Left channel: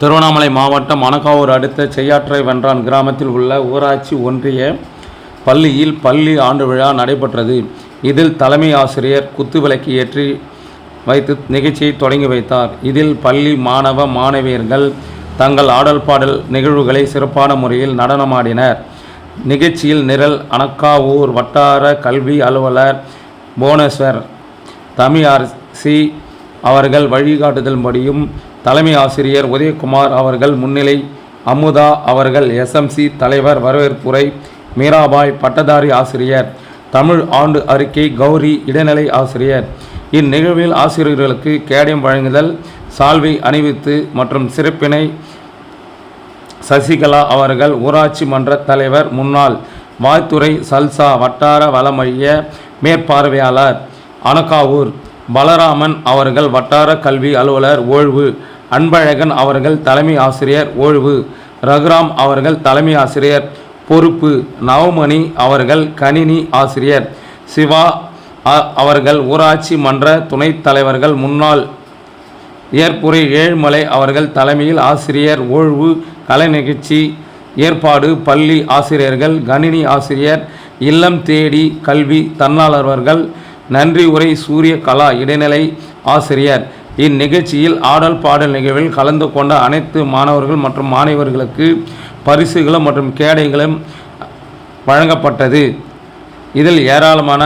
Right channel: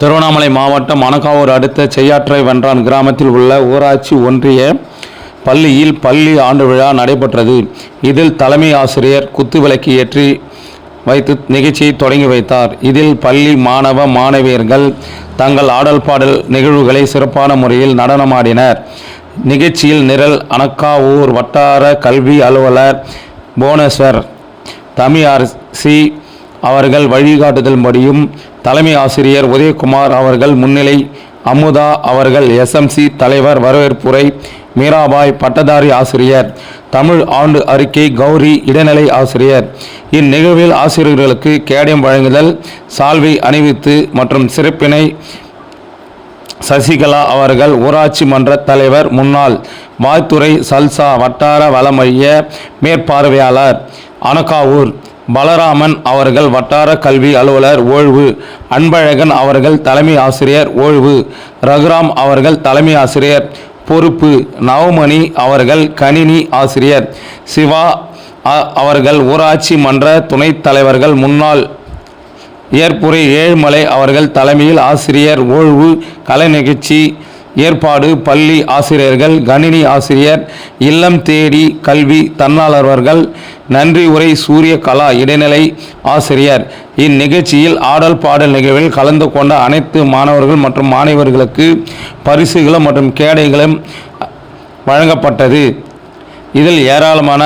திருவண்ணாமலை மாவட்டம் மணக்காவூர் அடுத்த செய்யாற்றை வென்றான் கிராமத்தில் உள்ள ஊராட்சி ஒன்றிய பள்ளியில் பள்ளி ஆண்டு விழா நடைபெற்றது. இதில் தலைமை ஆசிரியர் குத்துவிளக்கு ஏற்றி வைத்து நிகழ்ச்சியை தொடங்கி வைத்தார். இதில் பள்ளி மாணவ மாணவியர்கள் தங்கள் ஆடல் பாடல் நிகழ்வுகளை சிறப்பான முறையில் நடனமாடினர். நிகழ்ச்சியில் நிரல் அணக்காவூர் வட்டார கல்வி அலுவலர் புவனேஸ்வர் தமிழரசி அவர்கள் வழிகாட்டுதல்படியும், தலைமை ஆசிரியர் உதயகுமார் அவர்கள் முன்னிலை, அமுதா அவர்கள் எஸ்எம்சி தலைவர் வரவேற்புரை, மீராபாய் பட்டதாரி ஆசிரியர், தமிழ் ஆண்டு அறிக்கை கௌரி இடைநிலை ஆசிரியர். இந்நிகழ்வில் ஆசிரியர்களுக்கு கேடயம் வழங்குதல், சால்வை அணிவித்து மற்றும் சிறப்பினை சசிகலா அவர்கள் ஊராட்சி மன்ற தலைவர் முன்னாள் வாழ்த்துறை சல்சா வட்டார வள மைய மேற்பார்வையாளர் அணக்காவூர் பலராமன் அவர்கள் வட்டார கல்வி அலுவலர் ஓய்வு, அன்பழகன் அவர்கள் தலைமை ஆசிரியர் ஓய்வு, ரகுராம் அவர்கள் தலைமை ஆசிரியர் பொறுப்பு, நவமணி அவர்கள் கணினி ஆசிரியர், சிவா அவர்கள் ஊராட்சி மன்ற துணைத் தலைவர்கள் முன்னாள் ஏற்புரை ஏழுமலை அவர்கள் தலைமையில் ஆசிரியர் ஓய்வு கலை நிகழ்ச்சி ஏற்பாடு, பள்ளி ஆசிரியர்கள், கணினி ஆசிரியர், இல்லம் தேடி கல்வி தன்னாளர்கள், நன்றி உரை சூரிய கலா இடைநிலை ஆசிரியர். இந்நிகழ்ச்சியில் ஆடல் பாடல் நிகழ்வில் கலந்து கொண்ட அனைத்து மாணவர்கள் மற்றும் மாணவர்களுக்கு பரிசுகளும் மற்றும் கேடைகளும் வழங்கப்பட்டது. இதில் ஏராளமான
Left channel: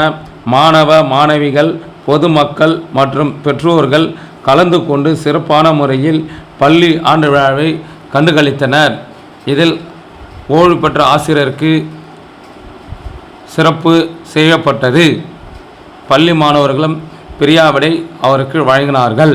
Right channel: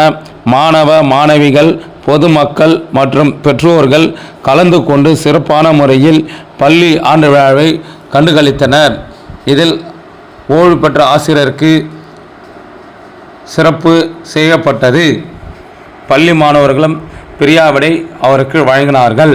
மாணவ மாணவிகள், பொதுமக்கள் மற்றும் பெற்றோர்கள் கலந்து கொண்டு சிறப்பான முறையில் பள்ளி ஆண்டு விழாவை கண்டுகளித்தனர். இதில் ஓய்வு பெற்ற ஆசிரியருக்கு சிறப்பு செய்யப்பட்டது. பள்ளி மாணவர்களும் பிரியாவிடை அவருக்கு வழங்கினார்கள்.